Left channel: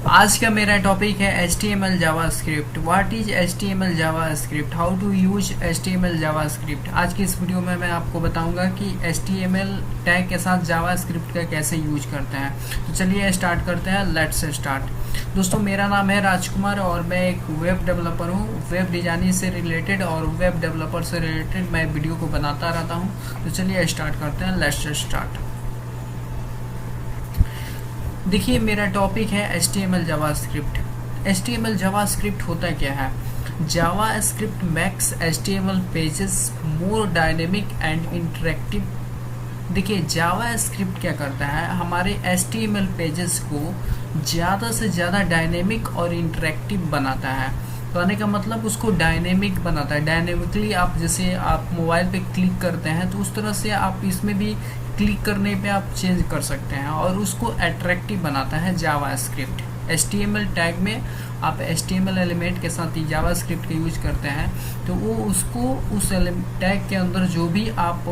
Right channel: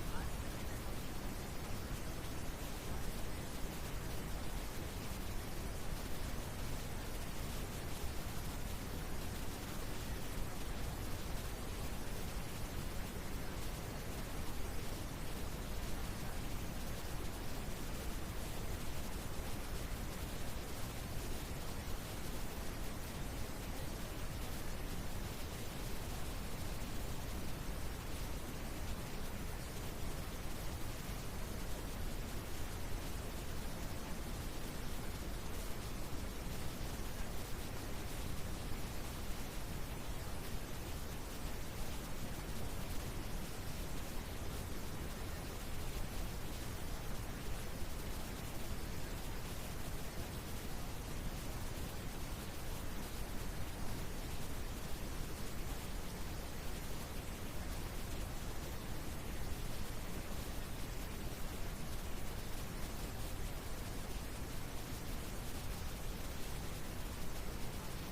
आज का मेरा टॉपिक है HTML JavaScript. What is HTML JavaScript, how to use HTML JavaScript. आज की इस वीडियो में मैं आपको बताऊंगा कि HTML टैग के साथ जावास्क्रिप्ट का कैसे यूज करते हैं। तो चलिए स्टार्ट करते हैं, लेट्स स्टार्ट। दोस्तों, मेरा नाम है राजकुमार और मैं एक वेब डेवलपर हूँ। वेब डिजाइनिंग से रिलेटेड और वेब डेवलपर से रिलेटेड मैं वीडियो को बनाता रहता हूँ। तो चलिए स्टार्ट करते हैं, लेट्स स्टार्ट। देखिए, मेरा टॉपिक है HTML जावास्क्रिप्ट। HTML जावास्क्रिप्ट होता क्या है? JavaScript makes HTML pages more dynamic and interactive. देखिए, जावास्क्रिप्ट क्या करता है, हमारे HTML पेजेस को ज़्यादा से ज़्यादा डायनेमिक और इंटरेक्टिव बनाता है। कहने का मतलब उसको डायनेमिक बनाता है। डायनेमिकली आप जैसे आप मोबाइल पे क्लिक करते हैं तो उस तरह से आप इसमें भी क्लिक करने पे आप चेंज कर सकते हैं और उसको अट्रैक्टिव बनाता है जावास्क्रिप्ट। HTML टैग में आप HTML एलिमेंट के साथ ही जावास्क्रिप्ट का यूज करते हैं तो वो उसको उस टैग के अंदर जो भी आप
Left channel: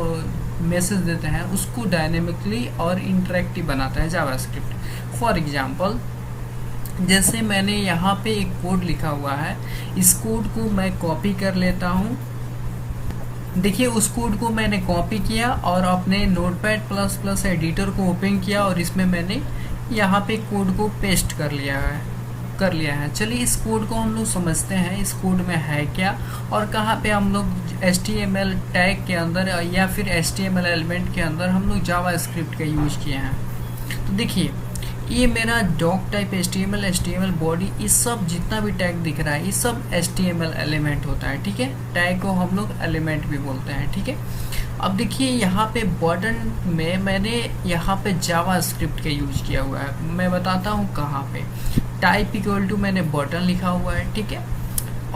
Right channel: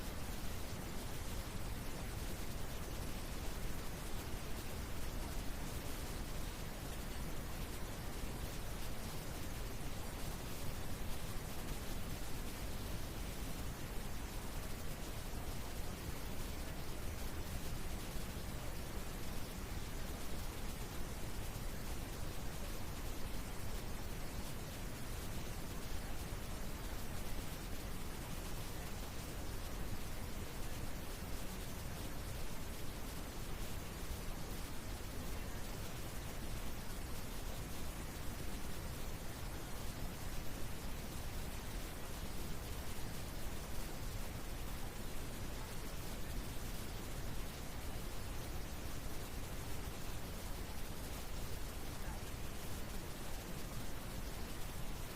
मैसेज देते हैं उसको डायनेमिकली और इंटरेक्टिव बनाता है जावास्क्रिप्ट। फॉर एग्जांपल, जैसे मैंने यहाँ पे एक कोड लिखा हुआ है, इस कोड को मैं कॉपी कर लेता हूँ। देखिए, उस कोड को मैंने कॉपी किया और अपने नोटपैड प्लस प्लस एडिटर को ओपन किया और इसमें मैंने यहाँ पे कोड को पेस्ट कर लिया है। चलिए, इस कोड को हम लोग समझते हैं, इस कोड में है क्या और कहाँ पे हम लोग HTML टैग के अंदर या फिर HTML एलिमेंट के अंदर हम लोग जावास्क्रिप्ट का यूज किए हैं। तो देखिए, ये मेरा डॉक टाइप HTML बॉडी, इस सब जितना भी टैग दिख रहा है ये सब HTML एलिमेंट होता है। ठीक है, टैग को हम लोग एलिमेंट भी बोलते हैं। ठीक है, अब देखिए यहाँ पे बटन में मैंने यहाँ पे जावास्क्रिप्ट का यूज किया हुआ है। मैं बताता हूँ कहाँ पे। टाइप इक्वल टू मैंने बटन लिखा हुआ है। ठीक है,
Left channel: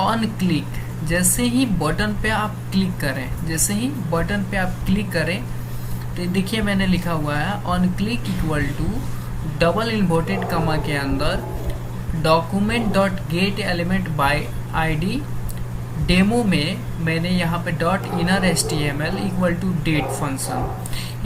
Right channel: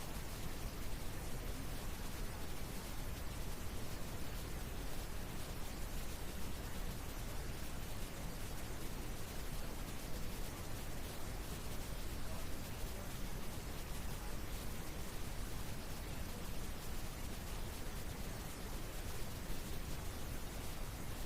ऑन क्लिक, जैसे ही बटन पे आप क्लिक करें, जैसे ही बटन पे आप क्लिक करें तो देखिए मैंने लिखा हुआ है on click equal to double inverted comma के अंदर document dot get element by ID. Demo में मैंने यहाँ पे dot inner HTML equal to date function,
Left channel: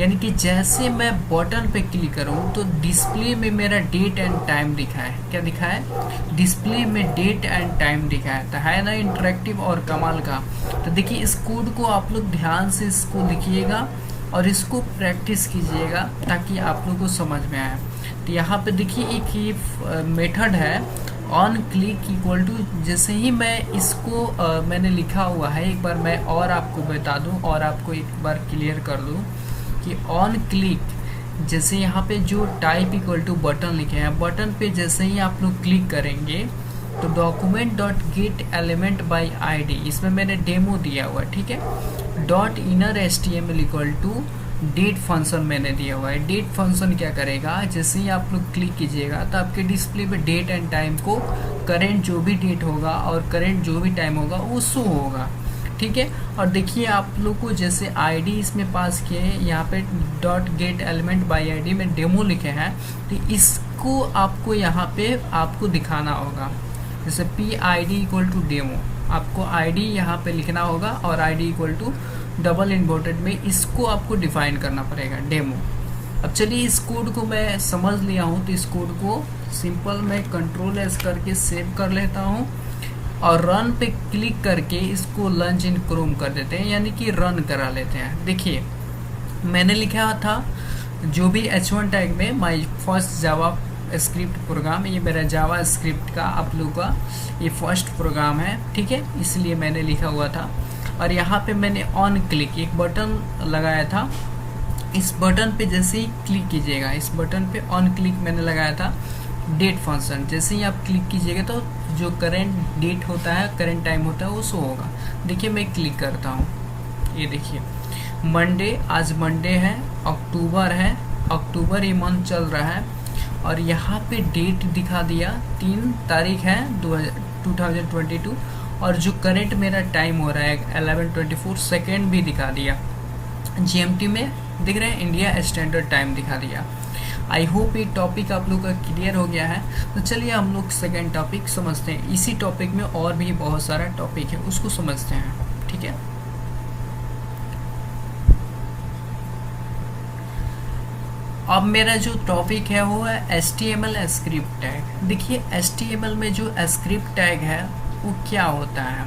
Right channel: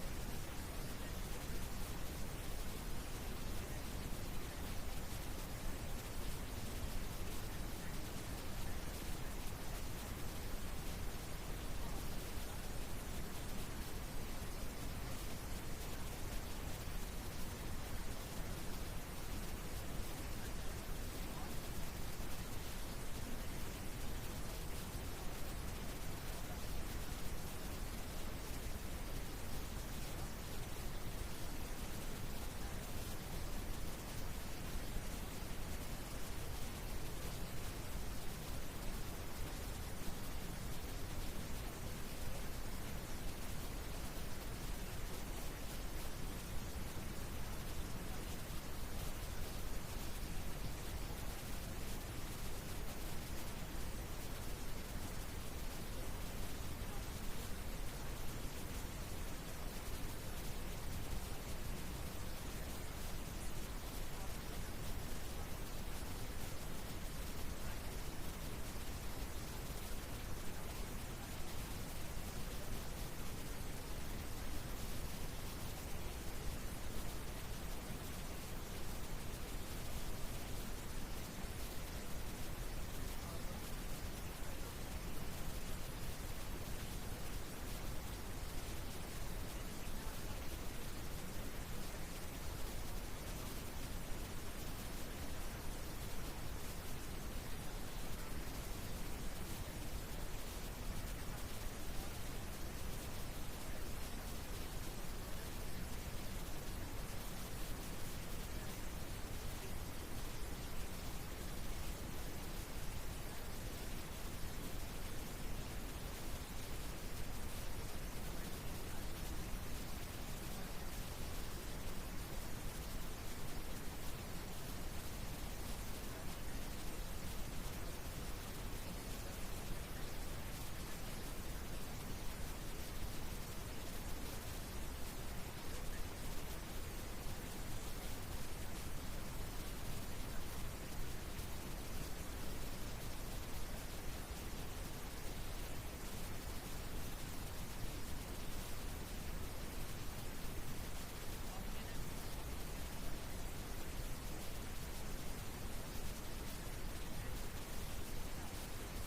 यानी कि जैसे मैं बटन पे क्लिक करूँ तो डिस्प्ले में मेरा डेट एंड टाइम दिखा है। क्या दिखा है? डिस्प्ले में डेट एंड टाइम दिखा है। तो है ना इंटरेक्टिव और कमाल का। तो देखिए, इस कोड को आप लोग ध्यान से इसको लिखिएगा और इसको प्रैक्टिस कीजिएगा ताकि आप लोग को समझ में आए। तो यहाँ पे देखिए एक ये मेथड है ऑन क्लिक इक्वल टू, जैसे ही मैं इसको मैंने लिखा हुआ है, एक बार मैं और आपको बता दूं और आपको एक बार क्लियर कर दूं कि ऑन क्लिक, जैसे यहाँ पे जो टाइप इक्वल टू बटन लिखे हैं, बटन पे जैसे ही आप लोग क्लिक करेंगे तो document dot get element by ID, इसमें मैंने डेमो दिया हुआ है। ठीक है, dot inner HTML equal to date function मैंने दिया हुआ है। डेट फंक्शन क्या करेगा, जैसे ही आप लोग क्लिक कीजिएगा तो आपके डिस्प्ले पे डेट एंड टाइम को, करेंट जो भी डेट होगा और करेंट जो भी टाइम होगा वो शो होगा। ठीक है, और देखिए आप लोग को जैसे आईडी इसमें पास किए हैं, यहाँ पे dot get element by ID में डेमो लिखे हैं, तो इसको आपको यहाँ पे आपको दिखाना होगा। जैसे PID इक्वल टू डेमो, आपको ID यहाँ पे लिखना होगा और ID equal to double inverted में इसको आपको डिफाइन करना पड़ेगा, डेमो। अब चलिए, इस कोड को मैं समझ लिया हूँ तो इस कोड को सिंपल मैं Ctrl+S करके सेव कर लेता हूँ और रन पे क्लिक करके इसको लॉन्च इन क्रोम कर देते हैं, यानी कि रन करा लेते हैं। देखिए, मैंने लिखा था जो भी H1 टैग में my first JavaScript program, ये मेरा जावा स्क्रिप्ट का आप लोगों का ये फर्स्ट प्रोग्राम है। ठीक है, इसलिए मैंने लिखा हुआ था। और यहाँ पे मैंने ऑन क्लिक एक बटन लगाया था, इस बटन पे जैसे ही क्लिक कीजिएगा, इस बटन पे ऑन क्लिक मैंने लगाया था डेट फंक्शन, जैसे ही आप क्लिक कीजिएगा तो जो करेंट डेट होता है, करेंट टाइम होता है वो शो होगा। देखिए, मैं क्लिक करता हूँ, ये देखिए मंडे, आज मंडे है, अक्टूबर है, अक्टूबर ये मंथ चल रहा है और यहाँ पे डेट दिखा दिया 3 तारीख है 2022 और जो करंट मेरा टाइम हो रहा है 11:24 सेकेंड भी दिखा दिया। GMT में दिख रहे हैं, इंडिया स्टैंडर्ड टाइम दिखा दिया। आई होप ये टॉपिक आप लोग का क्लियर हो गया है। तो चलिए हम लोग सेकेंड टॉपिक समझते हैं। इसी टॉपिक में और भी बहुत सारा टॉपिक है, उसको समझते हैं। ठीक है, अब मेरा जो टॉपिक है वो है HTML स्क्रिप्ट टैग। देखिए HTML में जो स्क्रिप्ट टैग है वो क्या होता है।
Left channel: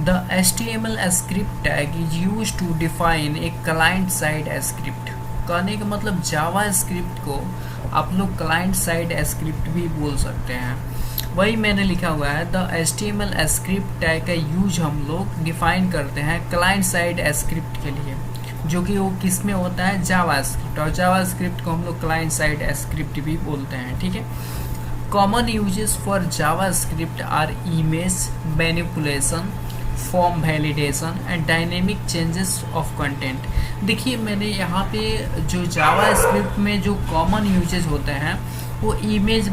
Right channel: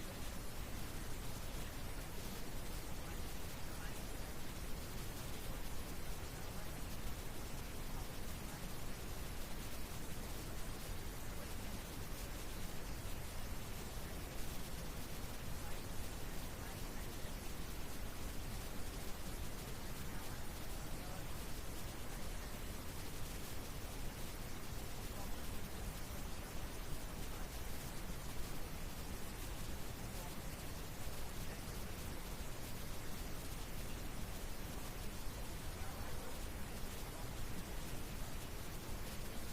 The HTML script tag is use to define a client side script. कहने का मतलब जावा स्क्रिप्ट को आप लोग क्लाइंट साइड स्क्रिप्ट भी बोल सकते हैं। वही मैंने लिखा हुआ है, द HTML स्क्रिप्ट टैग का यूज हम लोग डिफाइन करते हैं क्लाइंट साइड स्क्रिप्ट के लिए, जो कि वो किस में होता है, जावा स्क्रिप्ट। और जावा स्क्रिप्ट को हम लोग क्लाइंट साइड स्क्रिप्ट भी बोलते हैं, ठीक है। Common uses for JavaScript are image manipulation, form validation and dynamic changes of content. देखिए मैंने यहाँ पे जो जावा स्क्रिप्ट में जो कॉमन यूजेस होते हैं वो इमेज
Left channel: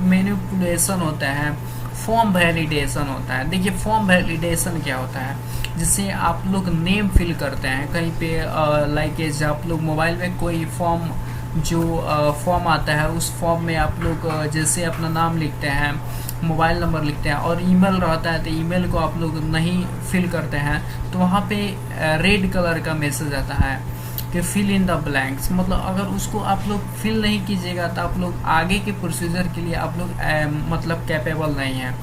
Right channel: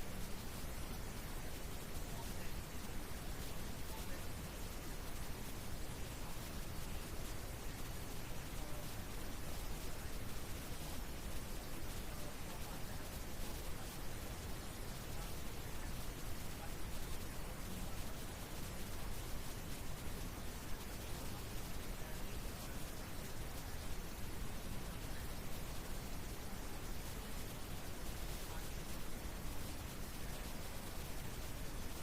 मैनिपुलेशन होता है, फॉर्म वैलिडेशन होता है। देखिए फॉर्म वैलिडेशन क्या होता है, जिससे आप लोग नेम फिल करते हैं कहीं पे, लाइक जब आप लोग मोबाइल में कोई फॉर्म जो फॉर्म आता है उस फॉर्म में आप लोग जैसे अपना नाम लिखते हैं, मोबाइल नंबर लिखते हैं और ईमेल रहता है, तो ईमेल को आप लोग नहीं फिल करते हैं तो वहाँ पे रेड कलर का मैसेज आता है कि फिल इन द ब्लैंक्स। मतलब अगर उसको आप लोग फिल नहीं कीजिएगा तो आप लोग आगे के प्रोसीजर के लिए आप लोग मतलब कैपेबल नहीं हैं,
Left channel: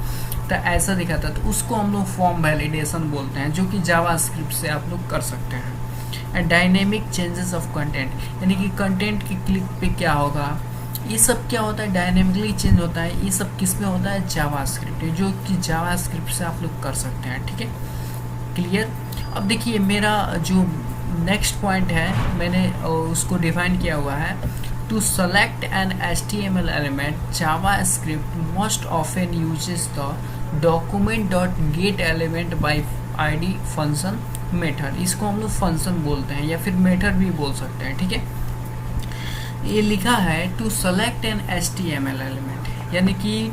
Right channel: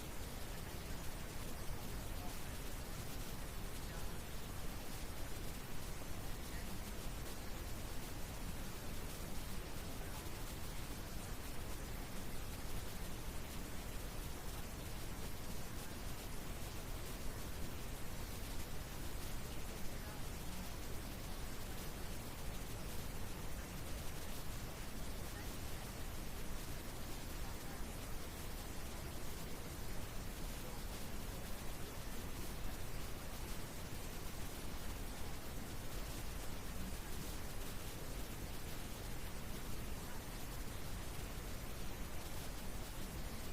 तो ऐसा दिखाता है। तो उसको हम लोग फॉर्म वैलिडेशन बोलते हैं, जो कि जावा स्क्रिप्ट से आप लोग कर सकते हैं। And dynamic changes of content, यानी कि कंटेंट की क्लिक पे क्या होगा, ये सब क्या होता है, डायनेमिकली चेंज होता है। ये सब किस में होता है, जावा स्क्रिप्ट, जो कि जावा स्क्रिप्ट से आप लोग कर सकते हैं, ठीक है, क्लियर। अब देखिए मेरा जो नेक्स्ट पॉइंट है मैंने उसको डिफाइन किया हुआ है, to select an HTML element JavaScript most often uses the document.getElement by ID function method. इसको हम लोग फंक्शन बोलते हैं या फिर मेथड भी बोल सकते हैं, ठीक है। ये लिखा है to select an HTML element, यानी कि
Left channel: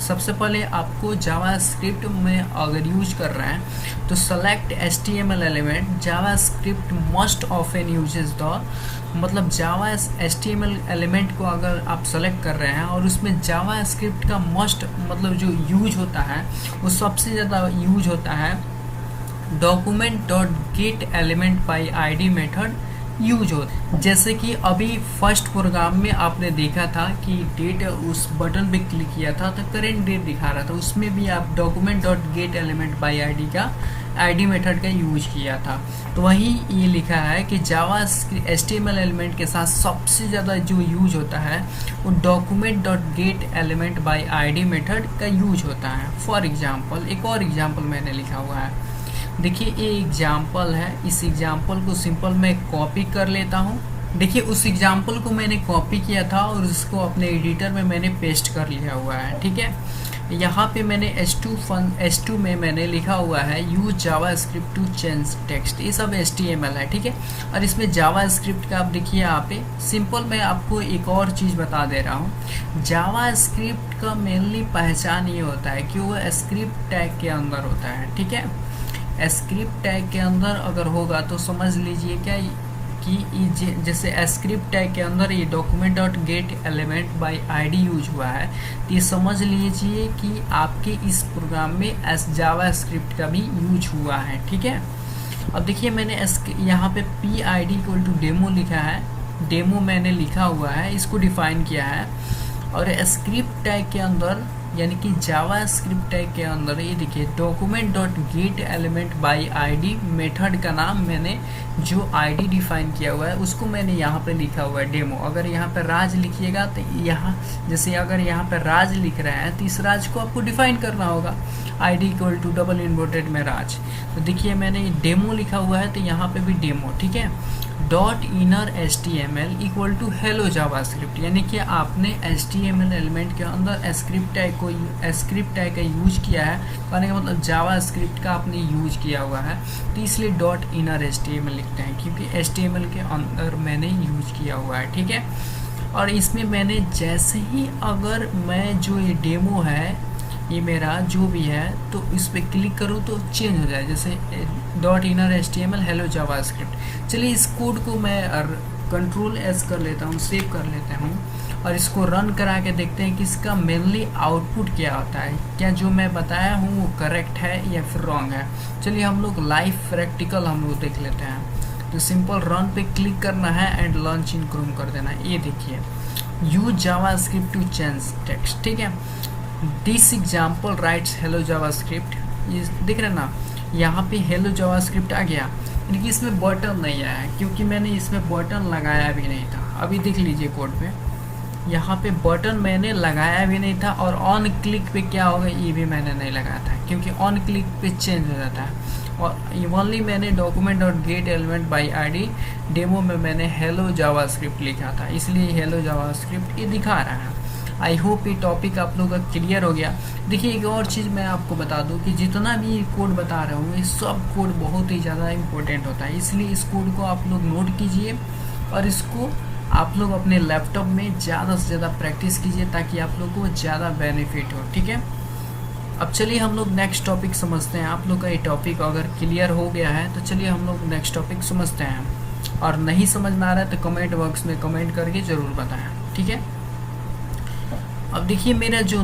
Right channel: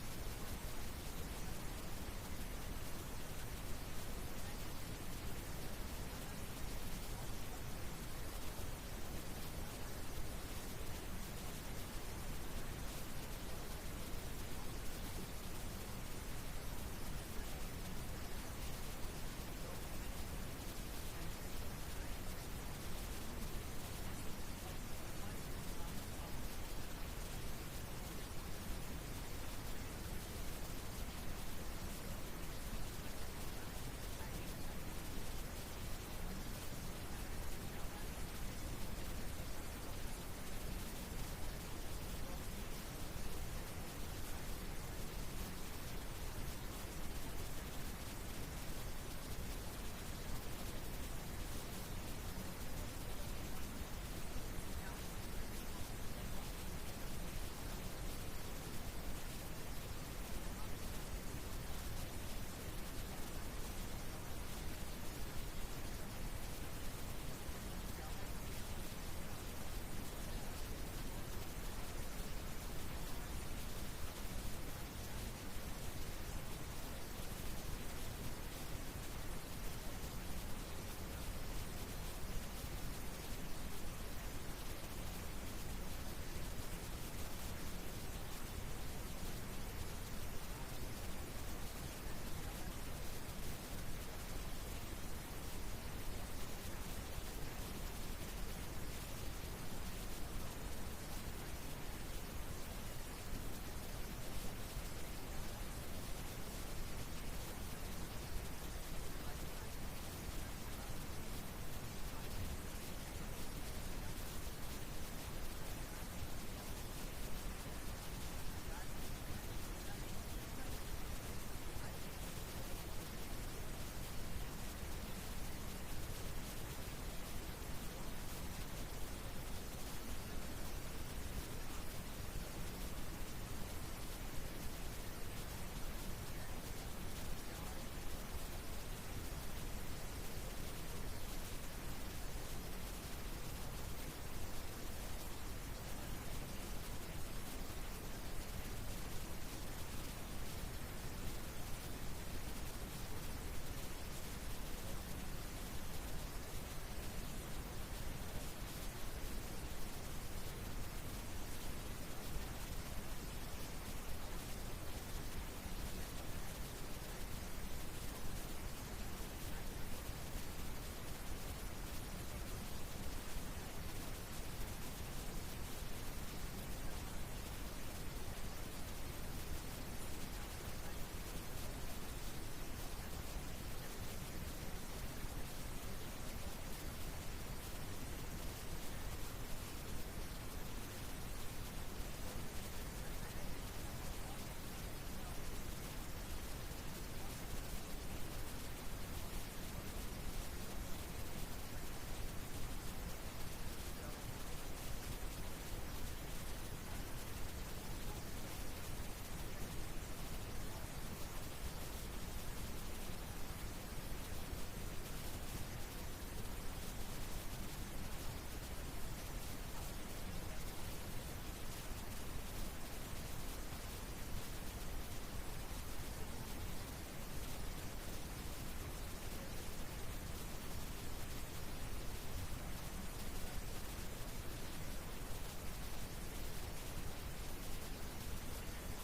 सबसे पहले आपको जावा स्क्रिप्ट में अगर यूज कर रहे हैं तो select HTML element JavaScript most often uses the, मतलब जावा HTML एलिमेंट को अगर आप सेलेक्ट कर रहे हैं और उसमें जावा स्क्रिप्ट का मोस्ट मतलब जो यूज होता है वो सबसे ज़्यादा यूज होता है document.getElement by ID method use हो। जैसे कि अभी फर्स्ट प्रोग्राम में आपने देखा था कि डेट, उस बटन पे क्लिक किया था तो करेंट डेट दिखा रहा था, उसमें भी आप document.getElement बाई ID का ID मेथड का यूज किया था। तो वही ये लिखा है कि जावा HTML एलिमेंट के साथ सबसे ज़्यादा जो यूज होता है वो document.getElement बाई ID मेथड का यूज होता है। फॉर एग्जांपल एक और एग्जांपल मैंने लिखा हुआ है, देखिए ये एग्जाम्पल है, इस एग्जाम्पल को सिंपल मैं कॉपी कर लेता हूँ। देखिए उस एग्जाम्पल को मैंने कॉपी किया था और उसको अपने एडिटर में मैंने पेस्ट कर लिया हुआ है, ठीक है। यहाँ पे मैंने H2 में मैंने लिखा हुआ है use JavaScript to change text, ये सब HTML है, ठीक है। और इसमें जावा स्क्रिप्ट का आप देखिए यहाँ पे सिंपल मैं आपको एक और चीज़ बता दे रहा हूँ। जावा स्क्रिप्ट का मेनली पहचान ये होता है कि वो स्क्रिप्ट टैग के अंदर होता है, ठीक है। स्क्रिप्ट टैग के अंदर अगर होगा तो समझ लीजिए क्या कि जैसे स्क्रिप्ट टैग के अंदर ये document.getElement बाई ID यूज हुआ है, तो ये समझ लीजिए कि आपके इस प्रोग्राम में जावा स्क्रिप्ट का भी यूज हुआ है, ठीक है। अब देखिए मैंने यहाँ पे PID इक्वल टू डेमो लिखा है, डेमो मैंने लिखा हुआ है, इसको डिफाइन किया है। और स्क्रिप्ट टैग के अंदर यानी कि जावा स्क्रिप्ट टैग के अंदर ये देखिए document.getElement बाई ID मेथड का नाम मैंने जो ID डिफाइन किया हुआ है उसको मैंने यहाँ पे लिखा हुआ है डेमो। अगर यहाँ पे राज लिखिएगा तो यहाँ जैसे अगर यहाँ पे राज लिख रहे हैं तो इस राज को आपको डिफाइन करना होगा, ID equal to double inverted में राज। तो देखिए मैंने डेमो लिखा हुआ है तो यहाँ पे भी डेमो, ठीक है। .inner HTML equal to hello JavaScript, यानी कि आपने HTML एलिमेंट के अंदर स्क्रिप्ट टैग का यूज किया है, कहने का मतलब जावा स्क्रिप्ट का आपने यूज किया हुआ है, तो इसलिए .inner HTML लिखते हैं क्योंकि HTML के अंदर मैंने यूज किया हुआ है, ठीक है। और इसमें मैंने जैसे ही अगर मैं जो ये डेमो है ये मेरा जो भी है तो इस पर क्लिक करूँ तो चेंज हो जाए, जैसे .inner HTML हेलो जावा स्क्रिप्ट। चलिए इस कोड को मैं Ctrl+S कर लेता हूँ, सेव कर लेता हूँ और इसको रन करा के देखते हैं कि इसका मेनली आउटपुट क्या होता है, क्या जो मैं बताया हूँ वो करेक्ट है या फिर रॉन्ग है। चलिए हम लोग लाइव प्रैक्टिकल हम लोग देख लेते हैं। तो सिंपल रन पे क्लिक करना है एंड लॉन्च इन क्रोम कर देना है। ये देखिए, use JavaScript to change text, ठीक है। This example writes hello JavaScript, ये दिख रहा है ना, यहाँ पे हेलो जावास्क्रिप्ट आ गया, लेकिन इसमें बटन नहीं आया क्योंकि मैंने इसमें बटन लगाया भी नहीं था। अभी देख लीजिए कोड पे, यहाँ पे बटन मैंने लगाया भी नहीं था, और ऑन क्लिक पे क्या होगा ये भी मैंने नहीं लगाया था, क्योंकि ऑन क्लिक पे चेंज हो जाता है। और ओनली मैंने डॉक्यूमेंट और gate element by ID demo में मैंने हेलो जावास्क्रिप्ट लिखा था, इसलिए हेलो जावास्क्रिप्ट ये दिखा रहा है। आई होप ये टॉपिक आप लोगों का क्लियर हो गया। देखिए एक और चीज़ मैं आपको बता दूं कि जितना भी ये कोड बता रहा हूँ, ये सब कोड बहुत ही ज़्यादा इम्पोर्टेंट होता है, इसलिए इस कोड को आप लोग नोट कीजिए और इसको आप लोग अपने लैपटॉप में ज़्यादा से ज़्यादा प्रैक्टिस कीजिए ताकि आप लोग को ज़्यादा बेनिफिट हो, ठीक है। अब चलिए हम लोग नेक्स्ट टॉपिक समझते हैं। आप लोग का ये टॉपिक अगर क्लियर हो गया है तो चलिए हम लोग नेक्स्ट टॉपिक समझते हैं, और नहीं समझ में आ रहा है तो कमेंट बॉक्स में कमेंट करके ज़रूर बताएं, ठीक है। अब देखिए मेरा जो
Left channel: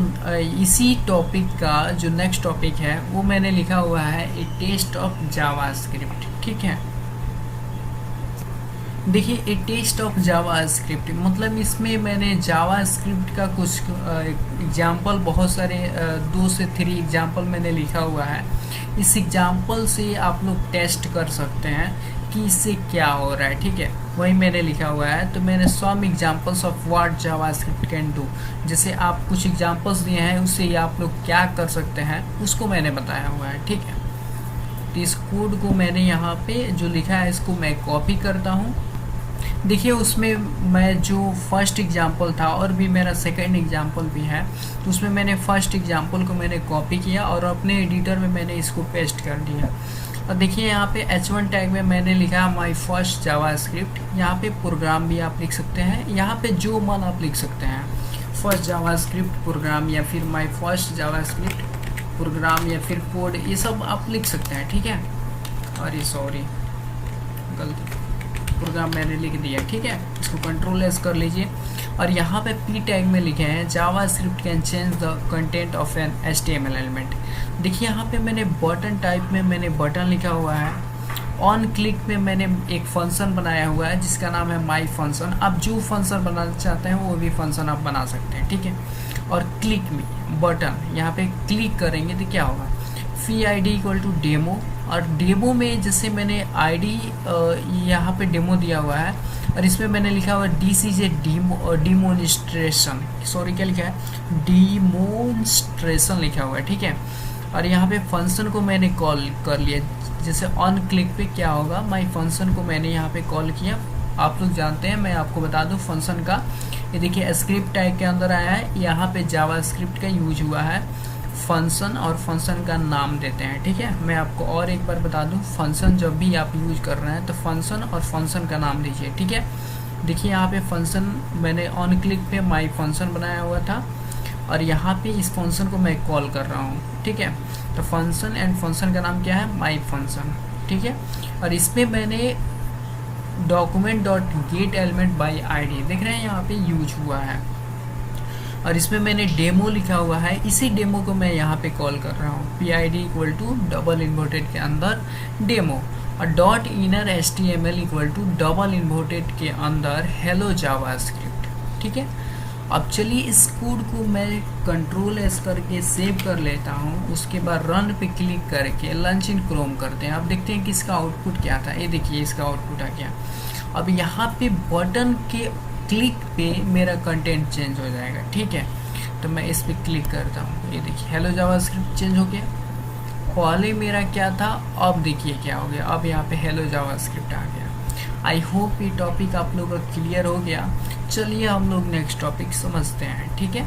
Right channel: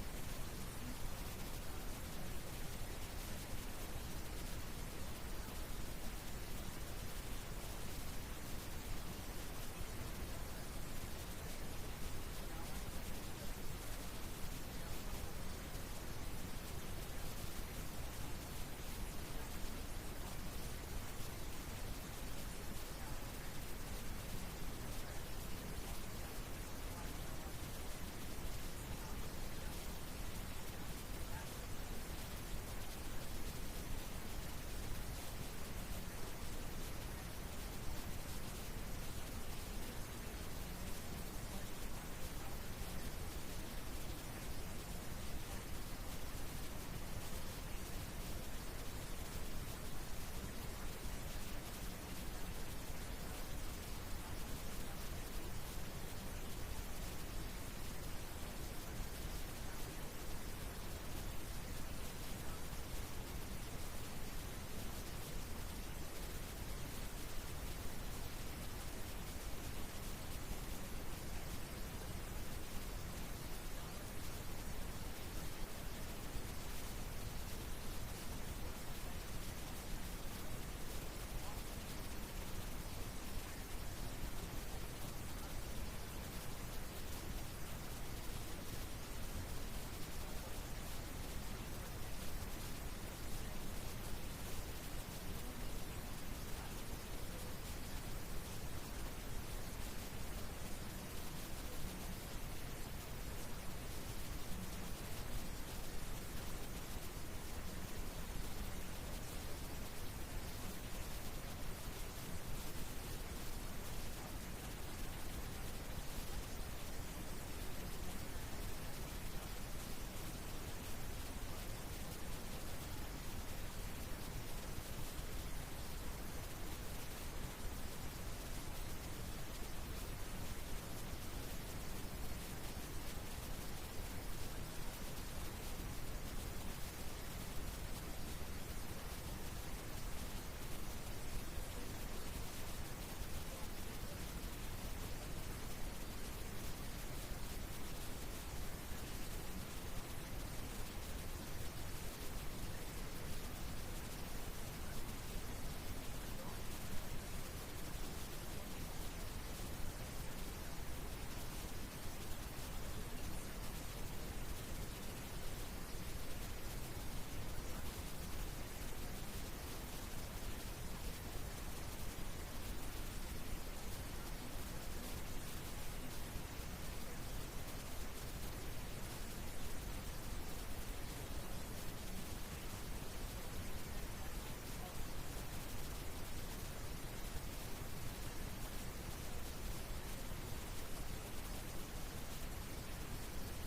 इसी टॉपिक का जो नेक्स्ट टॉपिक है वो मैंने लिखा हुआ है ए टेस्ट ऑफ जावास्क्रिप्ट, ठीक है। देखिए ए टेस्ट ऑफ जावास्क्रिप्ट मतलब इसमें मैंने जावास्क्रिप्ट का कुछ एग्जाम्पल, बहुत सारे 2 से 3 एग्जाम्पल मैंने लिखा हुआ है। इस एग्जाम्पल से आप लोग टेस्ट कर सकते हैं कि इससे क्या हो रहा है, ठीक है। वही मैंने लिखा हुआ है, तो मैंने some examples of what JavaScript can do, जैसे आप कुछ एग्जाम्पल्स दिए हैं उससे आप लोग क्या कर सकते हैं उसको मैंने बताया हुआ है, ठीक है। तो इस कोड को मैंने यहाँ पे जो लिखा है इसको मैं कॉपी करता हूँ। देखिए उसमें मैं जो फर्स्ट एग्जाम्पल था और भी मेरा सेकंड एग्जाम्पल भी है, तो उसमें मैंने फर्स्ट एग्जाम्पल को मैंने कॉपी किया और अपने एडिटर में मैंने इसको पेस्ट कर दिया। और देखिए यहाँ पे H1 टैग में मैंने लिखा माई फर्स्ट जावास्क्रिप्ट, यहाँ पे प्रोग्राम भी आप लिख सकते हैं, यहाँ पे जो मन आप लिख सकते हैं, फर्स्ट जावास्क्रिप्ट प्रोग्राम या फिर माई फर्स्ट जावास्क्रिप्ट प्रोग्राम या फिर कोड, ये सब आप लिख सकते हैं, ठीक है। अरे सॉरी गलती, प्रोग्राम मैंने लिख दिया, ठीक है। इसको कंट्रोल एस कर लीजिए और यहाँ पे पी टैग में लिखे हैं JavaScript can change the content of an HTML element. देखिए यहाँ पे मैंने बटन टाइप में मैंने बटन लिखा हुआ है, ऑन क्लिक में मैंने एक फंक्शन बनाया हुआ है जिसका नाम है माई फंक्शन। आप जो फंक्शन बनाना चाहते हैं वो भी फंक्शन आप बना सकते हैं, ठीक है। और क्लिक में बटन यहाँ पे क्लिक करेंगे तो क्या होगा, फी ID इक्वल टू डेमो, और डेमो में जैसे मैंने ID यहाँ पे डेमो दिया हुआ है और इसमें मैंने लिखा हुआ है DCJ डिमोन्स्ट्रेशन, सॉरी क्या लिखा है, डिमोन्स्ट्रेशन लिखा हुआ है, ठीक है। और यहाँ पे फंक्शन को मैंने कॉल कर लिया, जैसे ऑन क्लिक पे क्या होगा, माई फंक्शन को मैंने यहाँ पे कॉल किया। आप लोग जानते हैं, मैं आपको बता दूँ फंक्शन का, ये देखिए स्क्रिप्ट टैग के अंदर आया है, यहाँ पे जावास्क्रिप्ट का यूज हुआ है, फंक्शन और फंक्शन का नाम देते हैं, ठीक है। मैं आपको और एक बार बता दूं, फंक्शन जब भी आप यूज कर रहे हैं तो फंक्शन और फंक्शन का नाम दीजिए, ठीक है। देखिए यहाँ पे फंक्शन मैंने ऑन क्लिक पे माई फंक्शन बनाया हुआ था और यहाँ पे इस फंक्शन को मैं कॉल कर रहा हूँ, ठीक है। तो फंक्शन एंड फंक्शन का नाम क्या है, माई फंक्शन, ठीक है। और इसमें मैंने document dot get element by ID देख रहे हैं यहाँ पे यूज हुआ है, और इसमें मैंने डेमो लिखा हुआ है, इसी डेमो को मैं यहाँ पे कॉल कर रहा हूँ, PID equal to double inverted के अंदर डेमो, और dot inner HTML equal to double inverted के अंदर हेलो जावास्क्रिप्ट, ठीक है। अब चलिए इस कोड को मैं कंट्रोल एस करके सेव कर लेता हूँ, उसके बाद रन पे क्लिक करके लॉन्च इन क्रोम करते हैं। अब देखते हैं कि इसका आउटपुट क्या था, ये देखिए इसका आउटपुट आ गया। अब यहाँ पे बटन के क्लिक पे मेरा कंटेंट चेंज हो जाएगा, ठीक है। तो मैं इस पर क्लिक करता हूँ, ये देखिए हेलो जावास्क्रिप्ट चेंज हो गया, पहले मेरा क्या था, अब देखिए क्या हो गया, अब यहाँ पे हेलो जावास्क्रिप्ट आ गया। आई होप ये टॉपिक आप लोगों का क्लियर हो गया। चलिए हम लोग नेक्स्ट टॉपिक समझते हैं, ठीक है।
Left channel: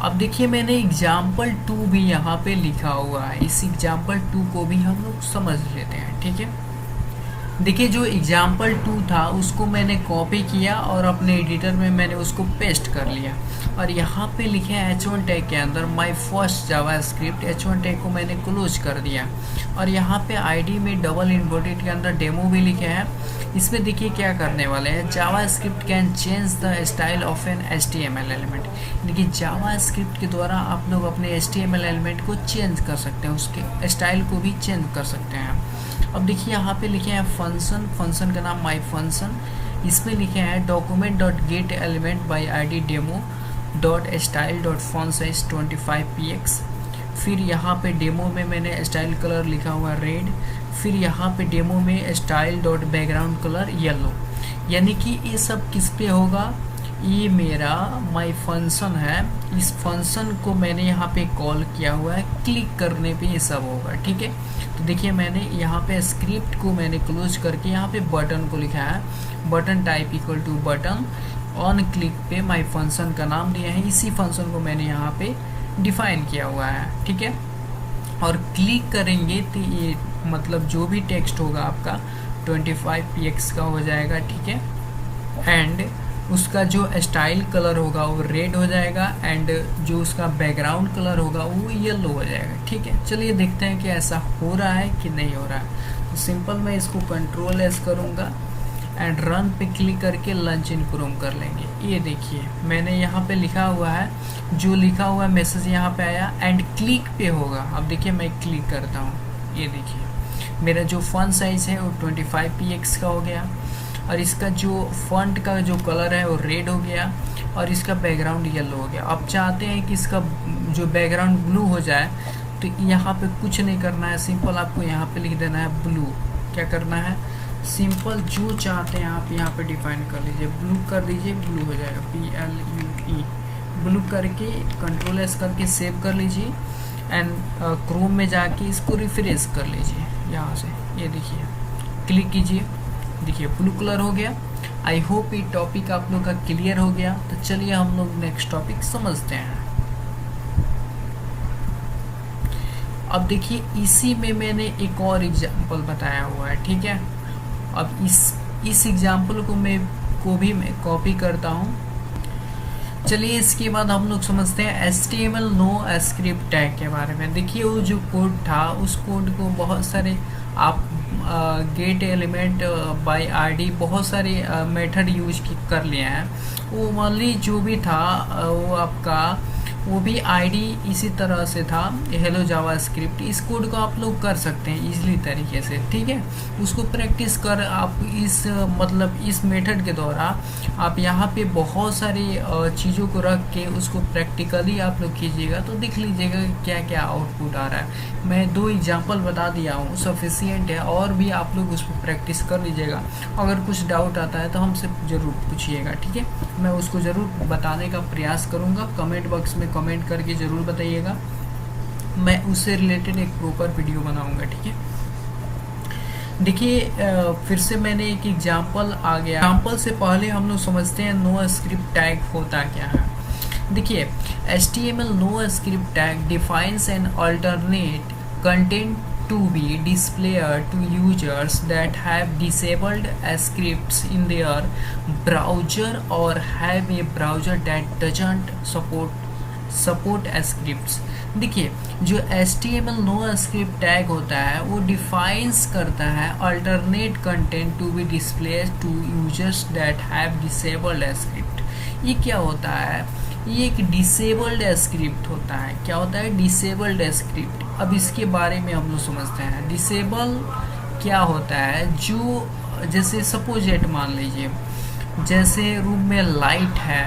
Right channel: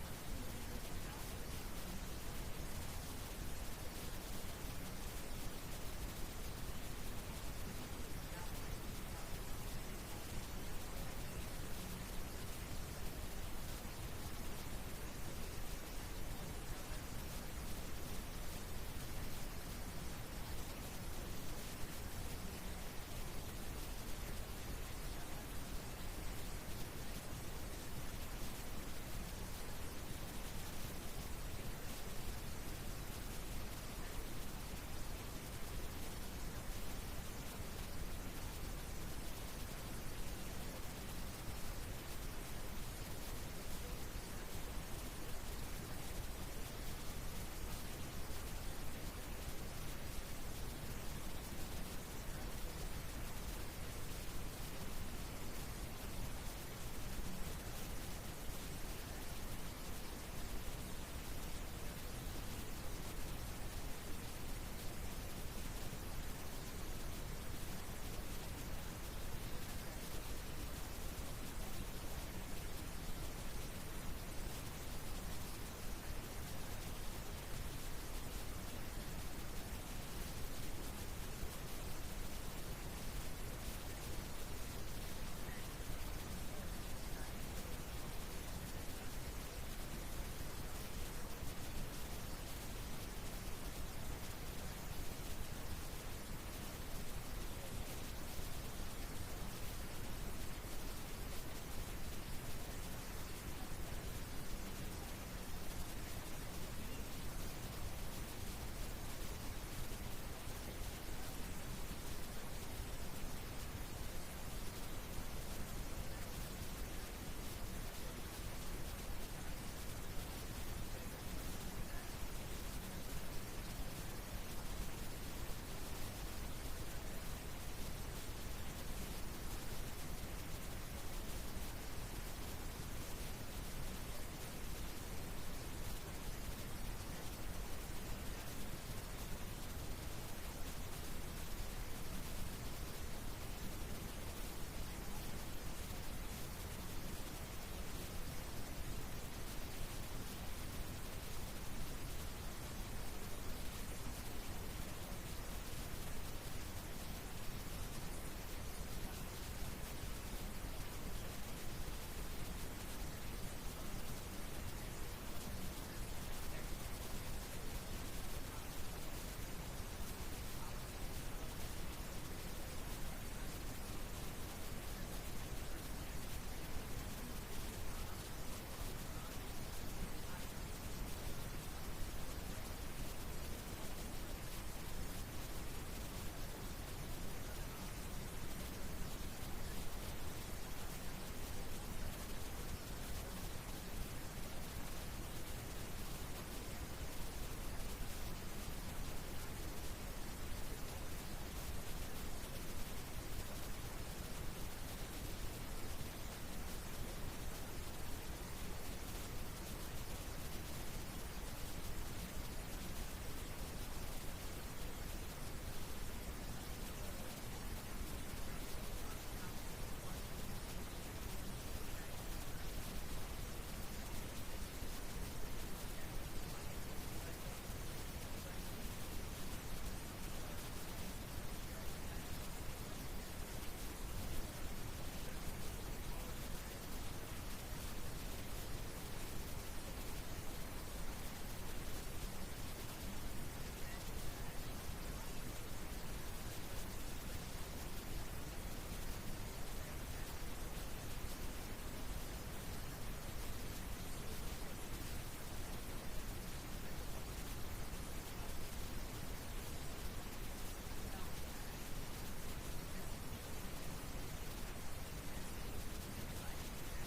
अब देखिए मैंने एग्जाम्पल 2 भी यहाँ पे लिखा हुआ है, इस एग्जाम्पल 2 को भी हम लोग समझ लेते हैं, ठीक है। देखिए जो एग्जाम्पल 2 था उसको मैंने कॉपी किया और अपने एडिटर में मैंने उसको पेस्ट कर लिया, और यहाँ पे लिखे हैं H1 टैग के अंदर my first JavaScript, H1 tag को मैंने क्लोज कर दिया, और यहाँ पे ID में डबल इन्वर्टेड के अंदर डेमो भी लिखे हैं। इसमें देखिए क्या करने वाले हैं, JavaScript can change the style of an HTML element. देखिए जावास्क्रिप्ट के द्वारा आप लोग अपने HTML एलिमेंट को चेंज कर सकते हैं, उसके स्टाइल को भी चेंज कर सकते हैं। अब देखिए यहाँ पे लिखे हैं फंक्शन, फंक्शन का नाम माई फंक्शन, इसमें लिखे हैं document dot get element by I D demo dot style dot font size 25px। फिर यहाँ पे डेमो में मैंने स्टाइल कलर लिखा हुआ रेड, फिर यहाँ पे डेमो में style dot background colour yellow. यानी कि ये सब किस पे होगा, ये मेरा माई फंक्शन है, इस फंक्शन को मैंने यहाँ पे कॉल किया हुआ है, क्लिक करने पे ये सब होगा। ठीक है, तो देखिए मैंने यहाँ पे स्क्रिप्ट को मैंने क्लोज करके यहाँ पे बटन को लिखा है, button type equal to button, on click पे माई फंक्शन का नाम दिया है, इसी फंक्शन को मैंने यहाँ पे डिफाइन किया हुआ है। ठीक है, और क्लिक करेंगे तो ये मतलब जो भी टेक्स्ट होगा आपका 25px का हो जाएगा। ठीक है, एंड उसका जो स्टाइल कलर होगा वो रेड हो जाएगा, एंड जो उसका बैकग्राउंड कलर होगा वो येलो हो जाएगा। ठीक है, चलिए देखते हैं कि ऐसा हो रहा है कि नहीं हो रहा है। तो सिंपल मैं इसको कंट्रोल एस करूँगा एंड रन पे क्लिक करके लॉन्च इन क्रोम कर लेंगे। ये देखिए मैंने यहाँ पे लिखा हुआ है, जो लिखा हुआ मैसेज यहाँ पे आया एंड क्लिक पे होगा। अब देखिए मैं क्लिक करता हूँ, ये देखिए मेरा जो फॉन्ट साइज़ है वो 25px का हो गया, और इसका जो फॉन्ट का जो कलर है वो रेड हो गया, और इसका बैकग्राउंड येलो हो गया। आप चाहते हैं कि इसका जो बैकग्राउंड ब्लू हो जाए, तो यहाँ पे कुछ नहीं करना है, सिंपल आपको यहाँ पे लिख देना है ब्लू। क्या करना है, सिंपल जो चाहते हैं आप यहाँ पे डिफाइन कर लीजिए, ब्लू कर दीजिए, ब्लू हो जाएगा, BLUE, ब्लू करके कंट्रोल एस करके सेव कर लीजिए एंड क्रोम में जाके इसको रिफ्रेश कर लीजिए यहाँ से। ये देखिए क्लिक कीजिए, देखिए ब्लू कलर हो गया। आई होप ये टॉपिक आप लोग का क्लियर हो गया। तो चलिए हम लोग नेक्स्ट टॉपिक समझते हैं। अब देखिए इसी में मैंने एक और एग्जाम्पल बताया हुआ है। ठीक है, अब इस एग्जाम्पल को भी मैं कॉपी करता हूँ। चलिए इसके बाद हम लोग समझते हैं HTML नो स्क्रिप्ट टैग के बारे में। देखिए वो जो कोड था, उस कोड को बहुत सारे आप गेट एलिमेंट बाय आईडी बहुत सारे मेथड यूज कर लिए हैं। वो ओनली जो भी था वो आपका वो भी आईडी इसी तरह से था, हेलो जावास्क्रिप्ट। इस कोड को आप लोग कर सकते हैं इजीली तरीके से। ठीक है, उसको प्रैक्टिस कर आप इस मेथड के द्वारा आप यहाँ पे बहुत सारी चीज़ों को रख के उसको प्रैक्टिकली आप लोग कीजिएगा तो देख लीजिएगा क्या क्या आउटपुट आ रहा है। मैं 2 एग्जांपल बता दिया हूँ, सफिशिएंट है, और भी आप लोग उस पर प्रैक्टिस कर लीजिएगा। अगर कुछ डाउट आता है तो हमसे ज़रूर पूछिएगा। ठीक है, मैं उसको ज़रूर बताने का प्रयास करूँगा। कमेंट बॉक्स में कमेंट करके ज़रूर बताइएगा, मैं उससे रिलेटेड एक प्रॉपर वीडियो बनाऊँगा। ठीक है, देखिए फिर से मैंने एक एग्जांपल आ गया। एग्जांपल से पहले हम लोग समझते हैं नो स्क्रिप्ट टैग होता क्या है। देखिए HTML no script tag defines an alternate content to be displayed to users that have disabled scripts in their browser or have a browser that doesn't support scripts। देखिए जो HTML no script tag होता है वो defines करता है alternate content to be displayed to users that have disabled script. ये क्या होता है, ये एक डिसेबल्ड स्क्रिप्ट होता है। क्या होता है, डिसेबल्ड स्क्रिप्ट। अब इसके बारे में हम लोग समझते हैं। डिसेबल क्या होता है, जो जैसे सपोजेट मान लीजिए जैसे रूम में लाइट है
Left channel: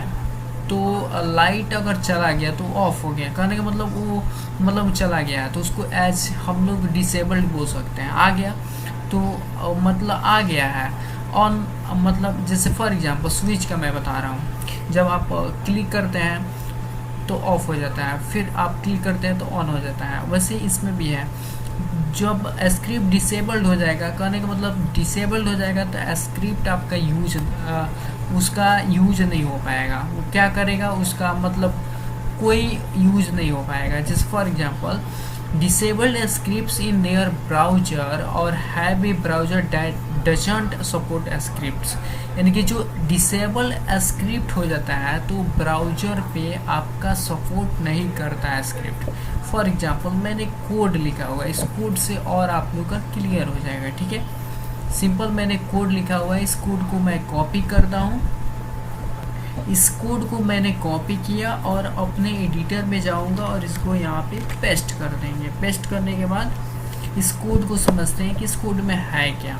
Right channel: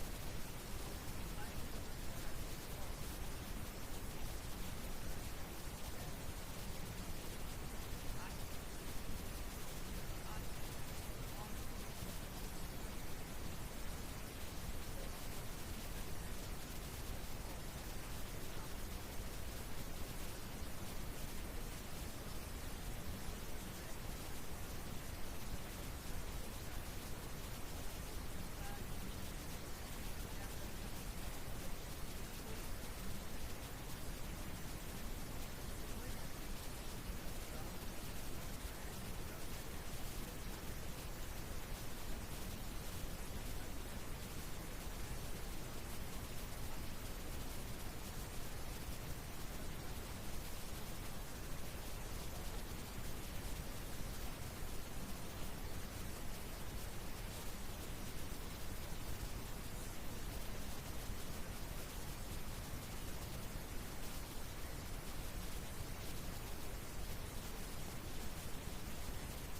तो लाइट अगर चला गया तो ऑफ हो गया, कहने का मतलब वो मतलब चला गया है तो उसको एज हम लोग डिसेबल्ड बोल सकते हैं। आ गया तो मतलब आ गया है, ऑन मतलब जैसे फॉर एग्जांपल स्विच का मैं बता रहा हूँ, जब आप क्लिक करते हैं तो ऑफ हो जाता है, फिर आप क्लिक करते हैं तो ऑन हो जाता है। वैसे इसमें भी है, जब स्क्रिप्ट डिसेबल्ड हो जाएगा, कहने का मतलब डिसेबल्ड हो जाएगा तो स्क्रिप्ट आपका उसका यूज नहीं हो पाएगा। वो क्या करेगा, उसका मतलब कोई यूज नहीं हो पाएगा। जैसे for example disabled scripts in their browser और have a browser that doesn't support scripts. यानी कि जो डिसेबल स्क्रिप्ट हो जाता है तो ब्राउजर पे आपका सपोर्ट नहीं करता है स्क्रिप्ट। फॉर एग्जांपल मैंने कोड लिखा हुआ है, इस कोड से और आप लोग का क्लियर हो जाएगा। ठीक है, सिंपल मैंने कोड लिखा हुआ है, इस कोड को मैं कॉपी करता हूँ। इस कोड को मैंने कॉपी किया और अपने एडिटर में जाऊंगा और इसको यहाँ पे पेस्ट कर देंगे। पेस्ट करने के बाद इस कोड को समझते हैं कि इस कोड में है क्या।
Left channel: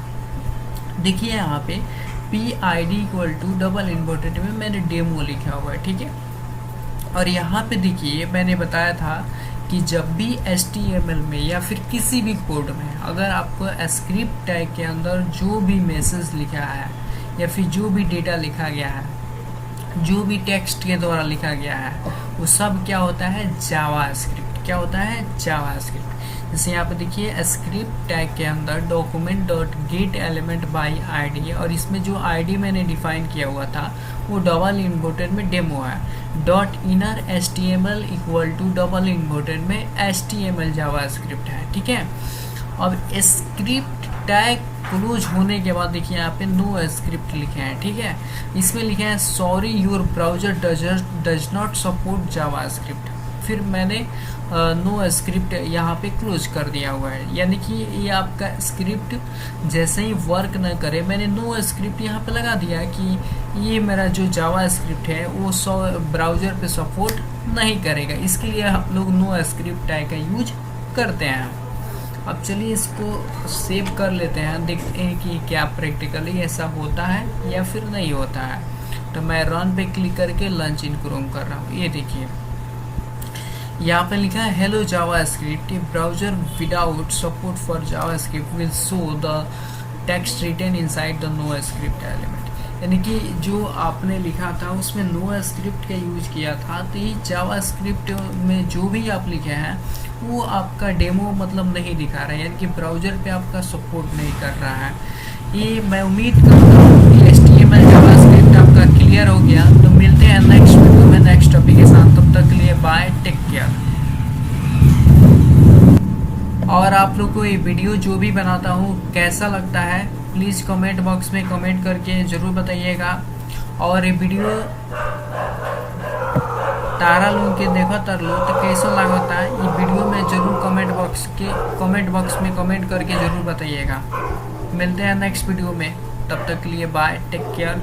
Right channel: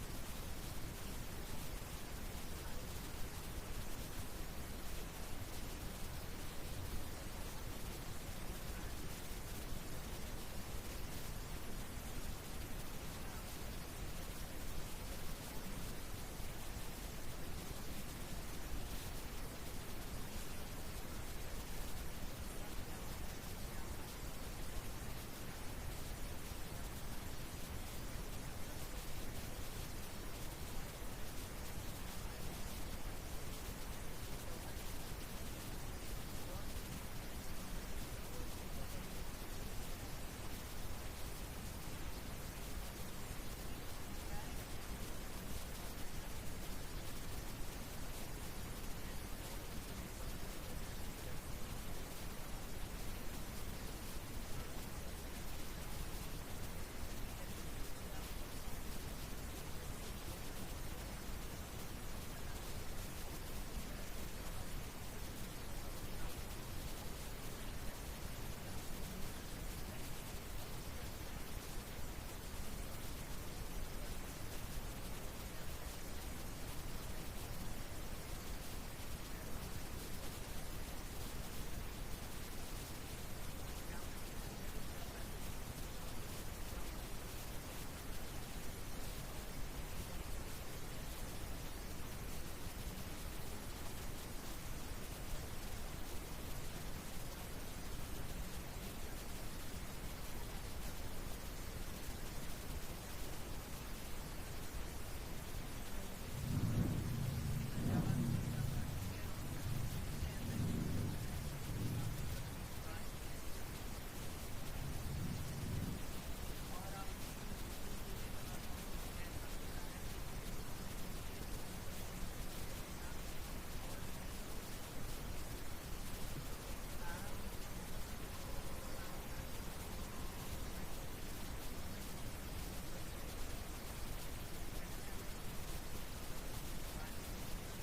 देखिए यहाँ पे P I D equal to double inverted में मैंने डेमो लिखा हुआ है, ठीक है। और यहाँ पे देखिए मैंने बताया था कि जब भी HTML में या फिर किसी भी कोड में अगर आपको स्क्रिप्ट टैग के अंदर जो भी मैसेज लिखा है या फिर जो भी डेटा लिखा गया है, जो भी टेक्स्ट के द्वारा लिखा गया है, वो सब क्या होता है, जावास्क्रिप्ट। क्या होता है, जावास्क्रिप्ट। जैसे यहाँ पे देखिए स्क्रिप्ट टैग के अंदर document dot get element by ID, और इसमें जो आईडी मैंने डिफाइन किया हुआ था वो डबल इन्वर्टेड में डेमो है। Dot inner HTML equal to double inverted में HTML जावास्क्रिप्ट है, ठीक है। अब स्क्रिप्ट टैग क्लोज होने के बाद देखिए यहाँ पे नो स्क्रिप्ट लिखे हैं, ठीक है। इसमें लिखे हैं sorry your browser does not support JavaScript. फिर मैंने नो स्क्रिप्ट यहाँ पे क्लोज कर दिया हुआ है, यानी कि ये आपका स्क्रिप्ट जैसे ही वर्क न करे, मैंने नो स्क्रिप्ट यहाँ पे लगा दिया कि ये मेरा जो जावा स्क्रिप्ट है वो ब्राउज़र पे सपोर्ट नहीं करेगा, इसके लिए हम लोग नो स्क्रिप्ट टैग का यूज करते हैं। अब चलिए इसको सेव कर लेते हैं, देखते हैं कि क्या प्रैक्टिकली ऐसा होता है या फिर नहीं होता है। तो मैं रन पे क्लिक करके लॉन्च इन क्रोम कर रहा हूँ। ये देखिए यहाँ पे लिखा है hello JavaScript, browser without support for JavaScript will show the text written inside the no script element. यानी कि जो आपने लिखा था उसमें नो स्क्रिप्ट का यूज किया था, तो ये जावास्क्रिप्ट में जो भी आप लिखे हैं वो आपका डेमो मतलब नहीं दिखा रहा है, यानी कि ब्राउजर पे आपका सपोर्ट नहीं कर रहा है। ये मैं उम्मीद करता हूँ कि HTML जावास्क्रिप्ट आपका क्लियर हो गया। तो मिलते हैं नेक्स्ट वीडियो में नेक्स्ट टॉपिक के साथ, तब तक के लिए बाय, टेक केयर। और आप लोग को ये वीडियो जो भी बनाता हूँ कैसा लगता है प्लीज़ कमेंट बॉक्स में कमेंट करके ज़रूर बताइएगा। और ये वीडियो तारा लोग के देखो तर लो तो कैसा लगता है, ये वीडियो में ज़रूर कमेंट बॉक्स में कमेंट करके ज़रूर बताइएगा। मिलते हैं नेक्स्ट वीडियो में, तब तक के लिए बाय, टेक केयर।